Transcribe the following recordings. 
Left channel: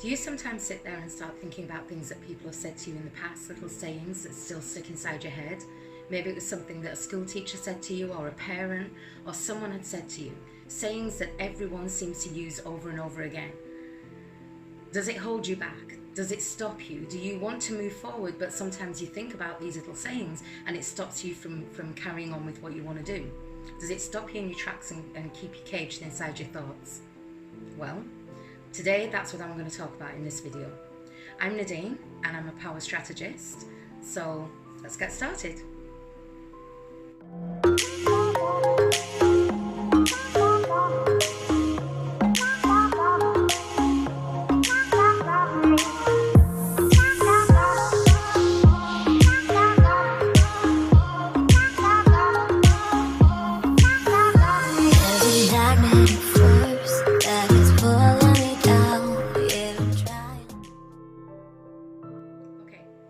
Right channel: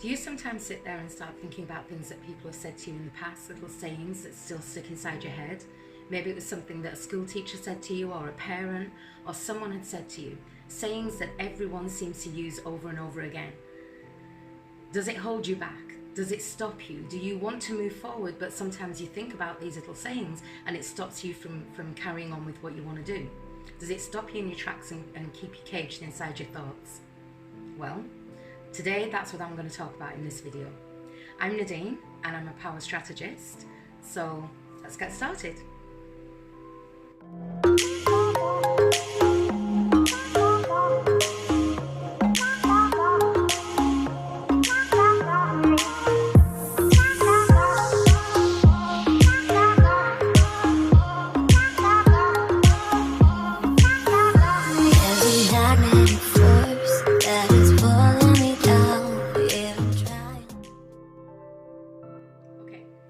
Do you sometimes sit there and start thinking about things that people have said to you in the past, little sayings that still stick inside your head? Maybe it was something that a school teacher said to you, or a parent, or someone had said to you. Sayings that everyone seems to use over and over again. Does it hold you back? Does it stop you? Do you want to move forward, but sometimes you think about these little sayings and it stops you from carrying on with what you want to do? Does it stop you in your tracks and keep you caged inside your thoughts? Well, today that's what I'm going to talk about in this video. I'm Nadine and I'm a power strategist. So let's get started.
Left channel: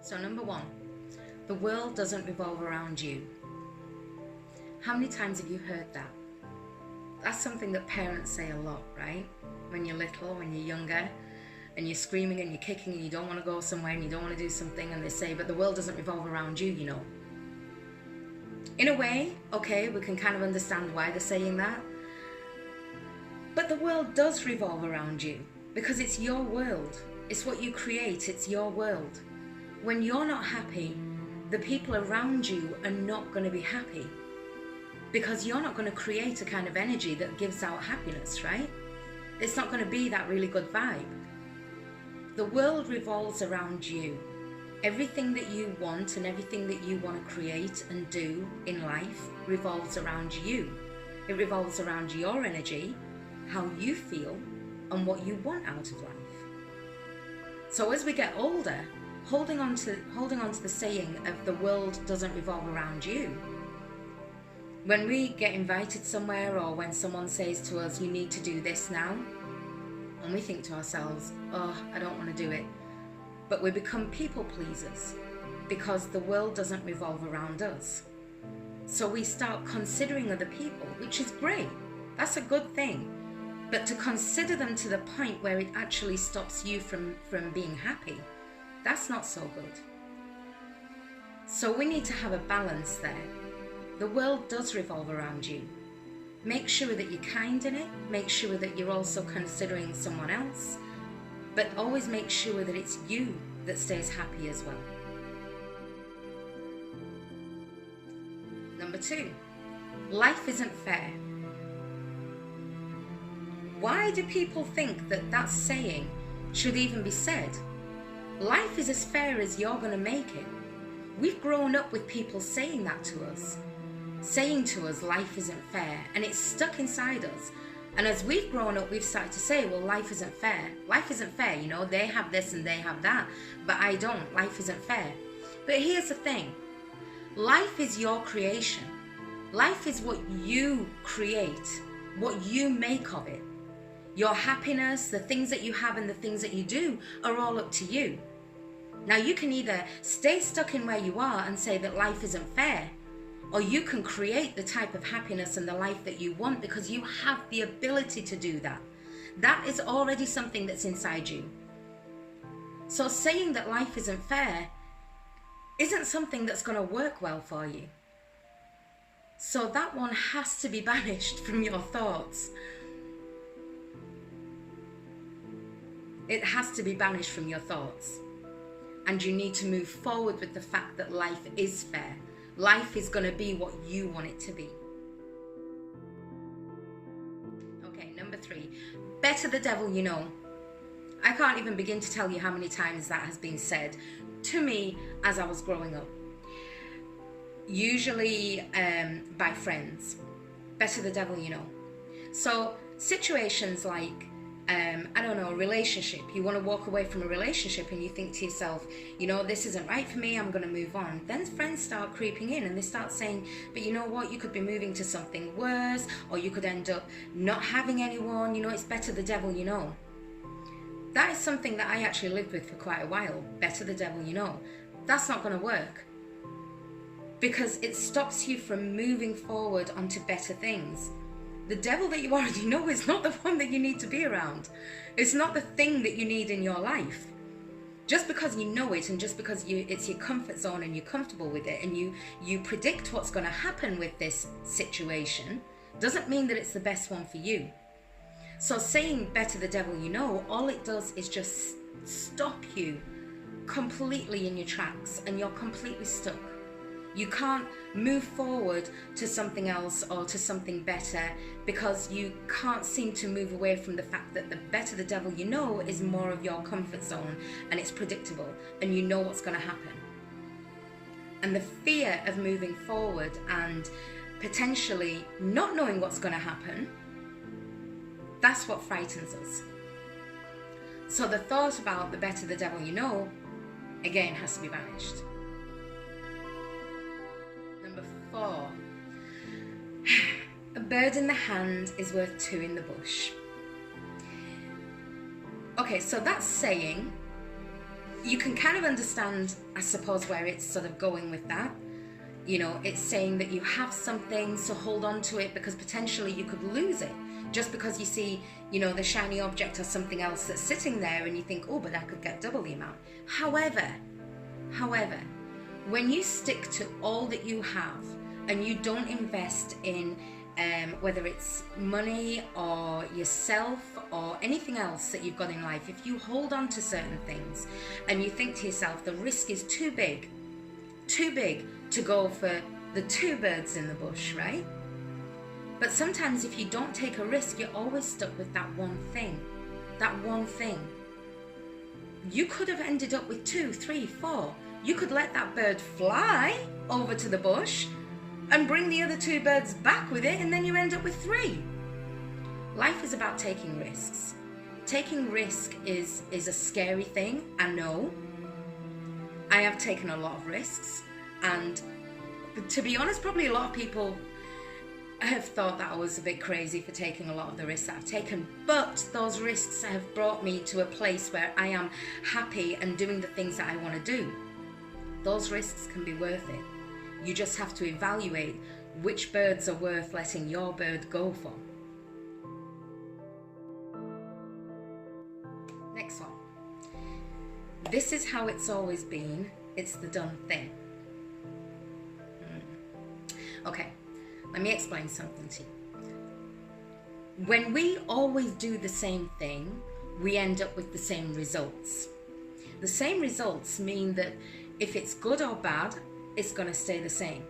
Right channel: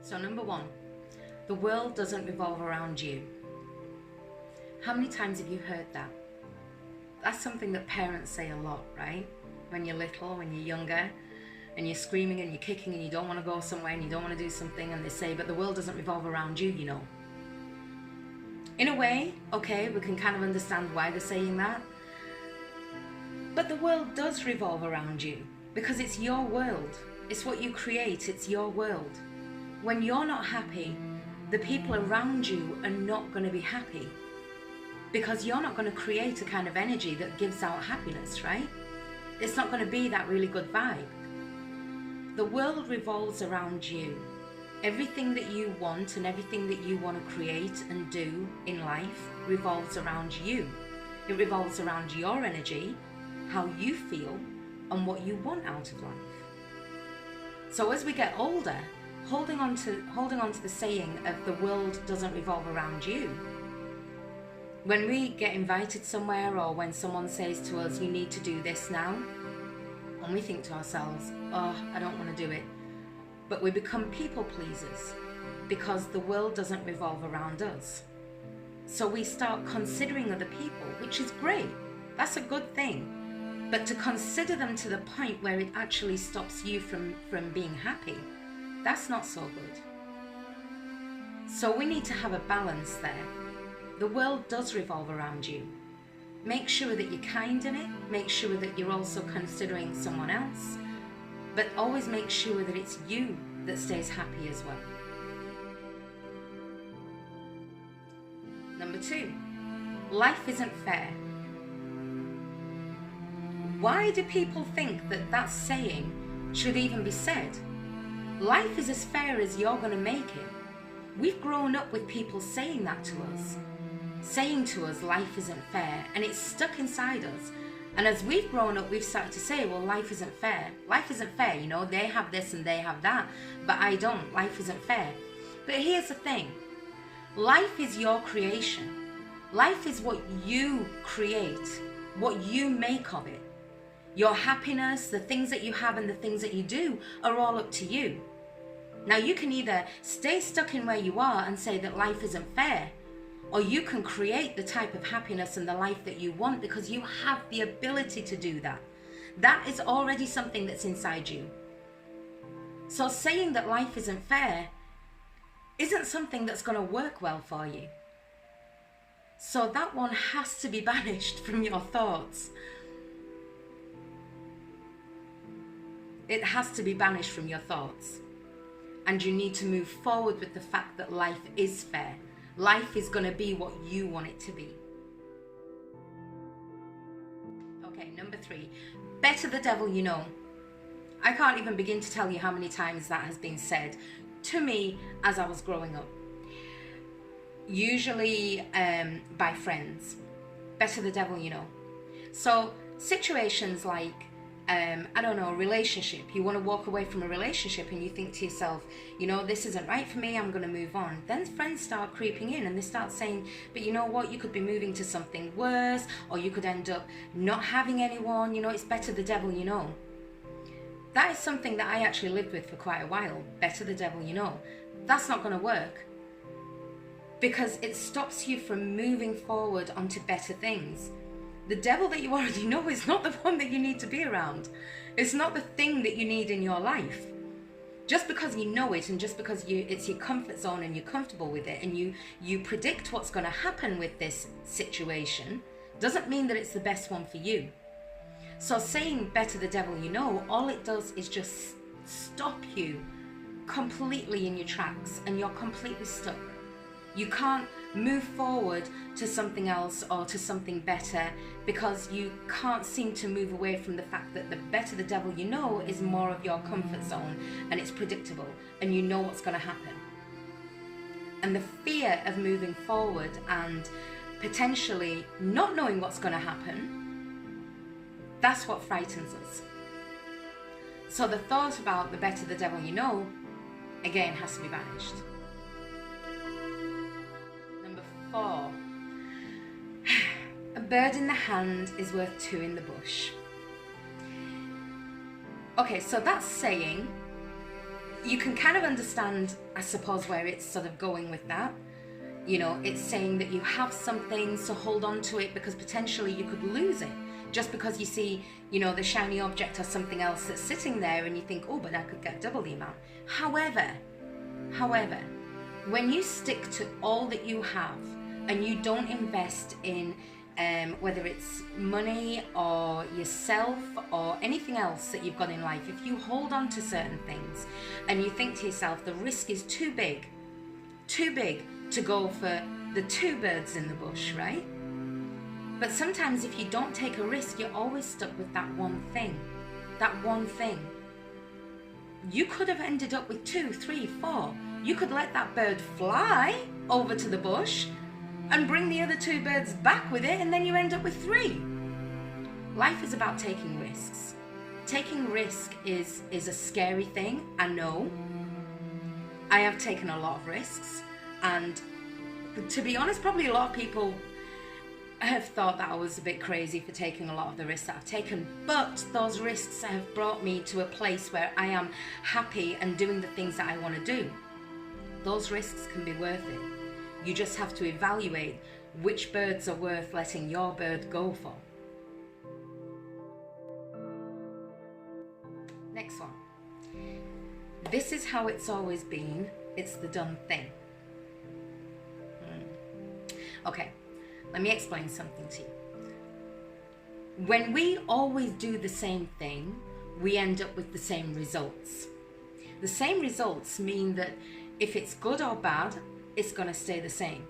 So number one, the world doesn't revolve around you. How many times have you heard that? That's something that parents say a lot, right? When you're little, when you're younger, and you're screaming and you're kicking and you don't want to go somewhere and you don't want to do something, and they say, but the world doesn't revolve around you, you know. In a way, okay, we can kind of understand why they're saying that. But the world does revolve around you because it's your world. It's what you create, it's your world. When you're not happy, the people around you are not going to be happy because you're not going to create a kind of energy that gives out happiness, right? It's not going to be that really good vibe. The world revolves around you. Everything that you want and everything that you want to create and do in life revolves around you. It revolves around your energy, how you feel, and what you want out of life. So as we get older, holding on to the saying of the world doesn't revolve around you. When we get invited somewhere, or when someone says to us, you need to do this now, and we think to ourselves, oh, I don't want to do it. But we become people pleasers because the world doesn't revolve around us. So we start considering other people, which is great. That's a good thing. But to consider them to the point where it actually stops you from being happy, that's not so good. So we need to have a balance there. The world does revolve around you. Make sure that you're kind in it. Make sure that you're also considering someone else. But always make sure that it's you that stays happy as well. Number two, life isn't fair. Why do people think that that saying should even be said? Life is as fair as you're going to make it. We've grown up with people saying that to us. Saying to us, life isn't fair. And it's stuck inside us. And as we've grown up, we've started to say, well, life isn't fair. Life isn't fair, you know, they have this and they have that. But I don't. Life isn't fair. But here's the thing. Life is your creation. Life is what you create, what you make of it. Your happiness, the things that you have and the things that you do are all up to you. Now you can either stay stuck in where you are and say that life isn't fair, or you can create the type of happiness and the life that you want because you have the ability to do that. That is already something that's inside you. So saying that life isn't fair isn't something that's going to work well for you. So that one has to be banished from your thoughts. It has to be banished from your thoughts. And you need to move forward with the fact that life is fair. Life is going to be what you want it to be. Okay, number three. Better the devil you know. I can't even begin to tell you how many times that has been said to me as I was growing up. Usually by friends. Better the devil you know. So situations like, I don't know, a relationship. You want to walk away from a relationship and you think to yourself, you know, this isn't right for me, I'm going to move on. Then friends start creeping in and they start saying, but you know what, you could be moving to something worse, or you could end up not having anyone, you know, it's better the devil you know. That is something that I actually lived with for quite a while. Better the devil you know. That's not going to work because it stops you from moving forward onto better things. The devil that you already know is not the one that you need to be around. It's not the thing that you need in your life. Just because you know it, and just because it's your comfort zone and you're comfortable with it, and you predict what's going to happen with this situation, doesn't mean that it's the best one for you. So saying better the devil you know, all it does is just stop you completely in your tracks, and you're completely stuck. You can't move forward to something else or to something better because you can't seem to move away from the fact that the better the devil you know is more of your comfort zone, and it's predictable and you know what's going to happen. And the fear of moving forward and potentially not knowing what's going to happen, that's what frightens us. So the thought about the better the devil you know, again, has to be banished. Number 4. A bird in the hand is worth 2 in the bush. Okay, so that's saying, you can kind of understand, I suppose, where it's sort of going with that. You know, it's saying that you have something, so hold on to it, because potentially you could lose it. Just because you see, you know, the shiny object or something else that's sitting there and you think, oh, but I could get double the amount. However, when you stick to all that you have and you don't invest in whether it's money or yourself or anything else that you've got in life, if you hold on to certain things and you think to yourself, the risk is too big to go for the 2 birds in the bush, right? But sometimes if you don't take a risk, you're always stuck with that one thing. You could have ended up with 2, 3, 4. You could let that bird fly over to the bush and bring the other 2 birds back with it, and then you end up with 3. Life is about taking risks. Taking risk is a scary thing, I know. I have taken a lot of risks, and to be honest, probably a lot of people have thought that I was a bit crazy for taking a lot of the risks that I've taken, but those risks have brought me to a place where I am happy and doing the things that I want to do. Those risks can be worth it. You just have to evaluate which birds are worth letting your bird go for. Next one. This is how it's always been. It's the done thing. Okay. Let me explain something to you. When we always do the same thing, we end up with the same results. The same results mean that if it's good or bad, it's going to stay the same.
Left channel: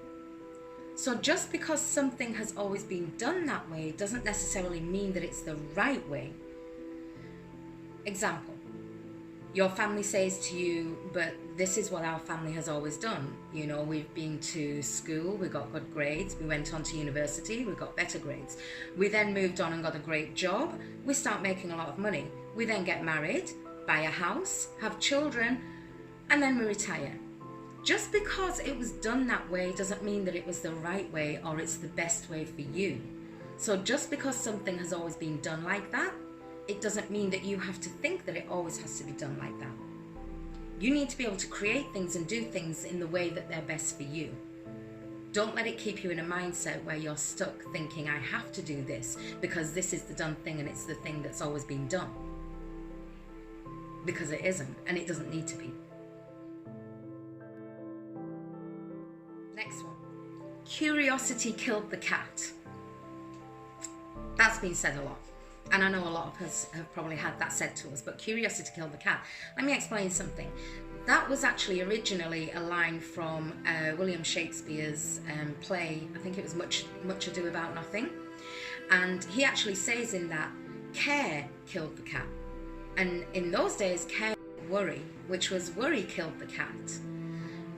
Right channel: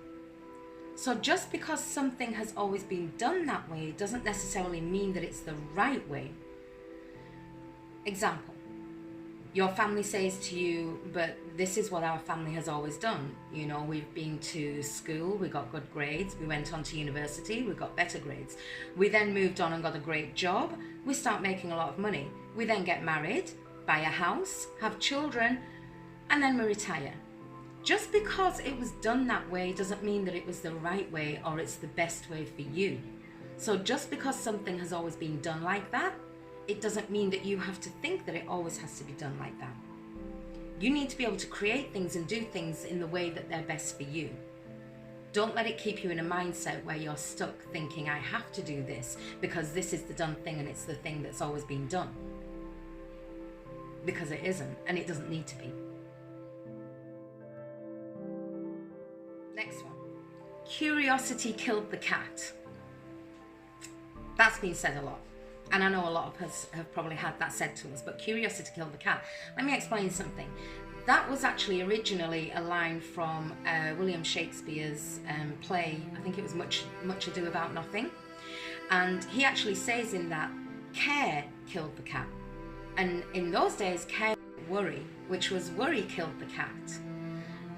So just because something has always been done that way doesn't necessarily mean that it's the right way. Example. Your family says to you, but this is what our family has always done. You know, we've been to school, we got good grades, we went on to university, we got better grades. We then moved on and got a great job, we start making a lot of money. We then get married, buy a house, have children, and then we retire. Just because it was done that way doesn't mean that it was the right way or it's the best way for you. So just because something has always been done like that, it doesn't mean that you have to think that it always has to be done like that. You need to be able to create things and do things in the way that they're best for you. Don't let it keep you in a mindset where you're stuck thinking, I have to do this because this is the done thing and it's the thing that's always been done. Because it isn't, and it doesn't need to be. Next one. Curiosity killed the cat. That's been said a lot. And I know a lot of us have probably had that said to us, but curiosity killed the cat. Let me explain something. That was actually originally a line from William Shakespeare's play. I think it was Much Ado About Nothing. And he actually says in that, care killed the cat. And in those days, care was worry, which was worry killed the cat.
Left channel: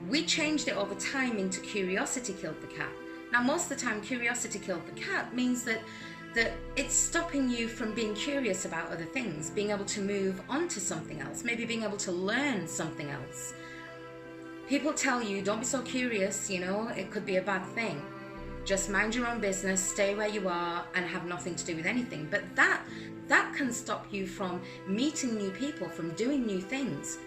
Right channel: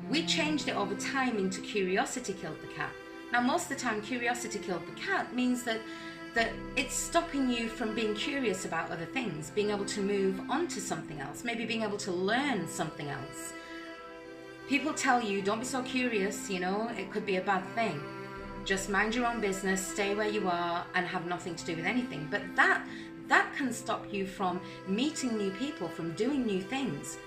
We changed it over time into curiosity killed the cat. Now, most of the time, curiosity killed the cat means that it's stopping you from being curious about other things, being able to move on to something else, maybe being able to learn something else. People tell you, don't be so curious, you know, it could be a bad thing. Just mind your own business, stay where you are, and have nothing to do with anything. But that can stop you from meeting new people, from doing new things.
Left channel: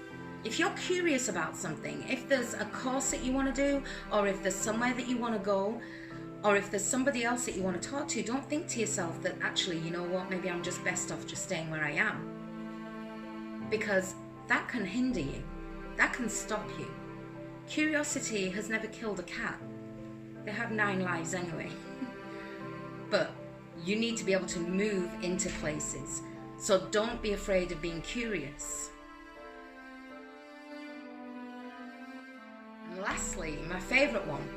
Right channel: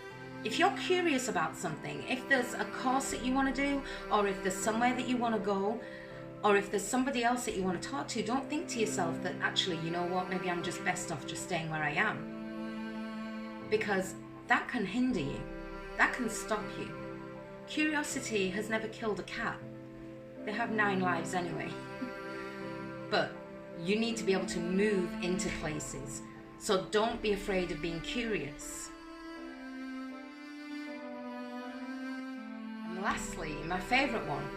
If you're curious about something, if there's a course that you want to do, or if there's somewhere that you want to go, Or if there's somebody else that you want to talk to, don't think to yourself that actually, you know what, maybe I'm just best off just staying where I am. Because that can hinder you. That can stop you. Curiosity has never killed a cat. They have 9 lives anyway. But you need to be able to move into places. So don't be afraid of being curious. And lastly, my favorite one.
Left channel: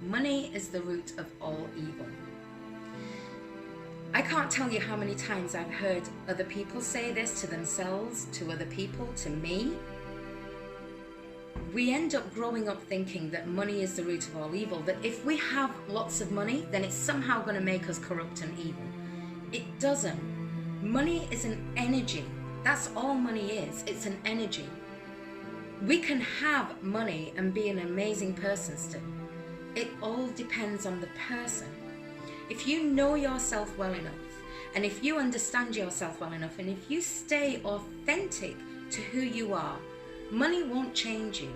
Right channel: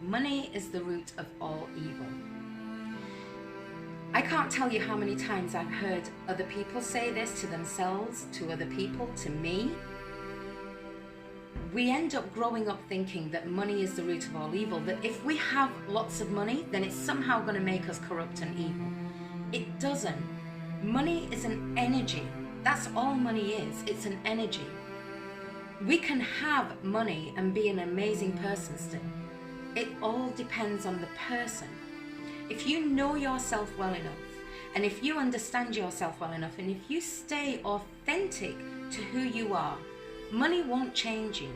Money is the root of all evil. I can't tell you how many times I've heard other people say this to themselves, to other people, to me. We end up growing up thinking that money is the root of all evil, that if we have lots of money, then it's somehow going to make us corrupt and evil. It doesn't. Money is an energy. That's all money is. It's an energy. We can have money and be an amazing person still. It all depends on the person. If you know yourself well enough, and if you understand yourself well enough, and if you stay authentic to who you are, money won't change you.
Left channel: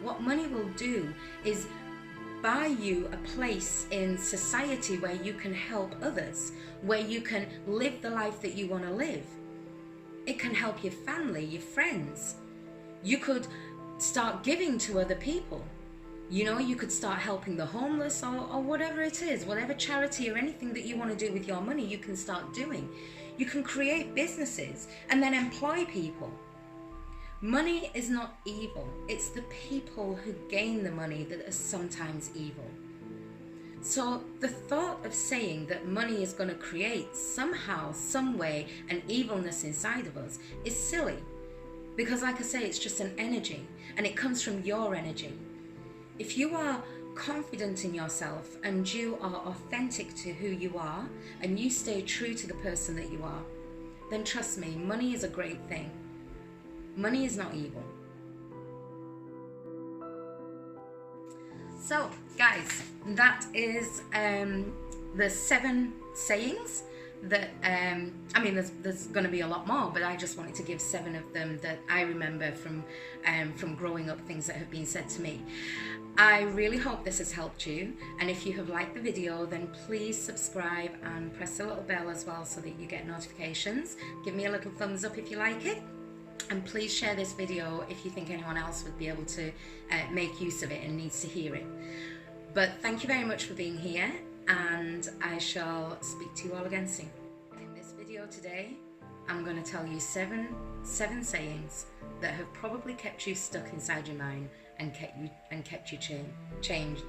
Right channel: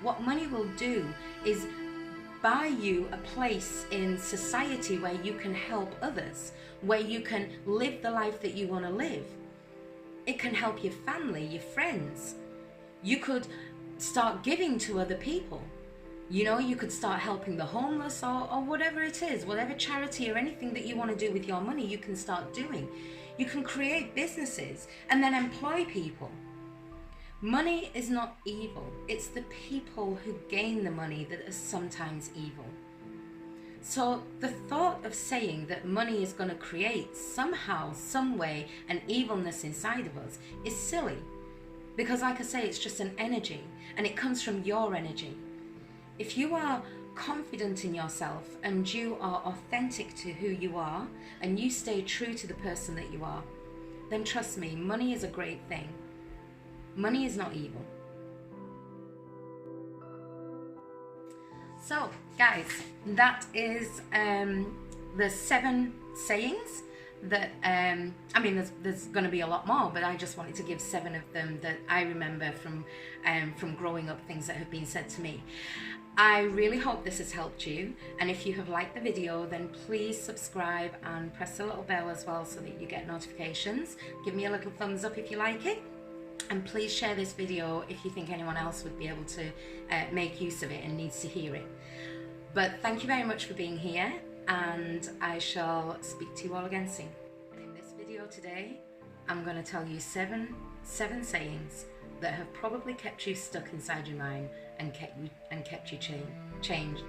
What money will do is buy you a place in society where you can help others, where you can live the life that you want to live. It can help your family, your friends. You could start giving to other people. You know, you could start helping the homeless or whatever it is, whatever charity or anything that you want to do with your money, you can start doing. You can create businesses and then employ people. Money is not evil. It's the people who gain the money that are sometimes evil. So the thought of saying that money is going to create somehow, some way, an evilness inside of us is silly. Because like I say, it's just an energy and it comes from your energy. If you are confident in yourself and you are authentic to who you are and you stay true to the person that you are, then trust me, money is a great thing. Money is not evil. So, guys, that is the 7 sayings that, I mean, there's going to be a lot more, but I just wanted to give 7 of them that I remember from growing up, things that have been said to me. I really hope this has helped you, and if you have liked the video, then please subscribe and press the little bell as well so that you get notifications. Give me a little thumbs up if you like it, and please share this video if you think anyone else would be able to make use of it and needs to hear it. But thank you very much for being here, and I shall speak to you all again soon. And in this video today, I'm going to tell you seven sayings that have probably kept you stuck inside your mind and kept you changed.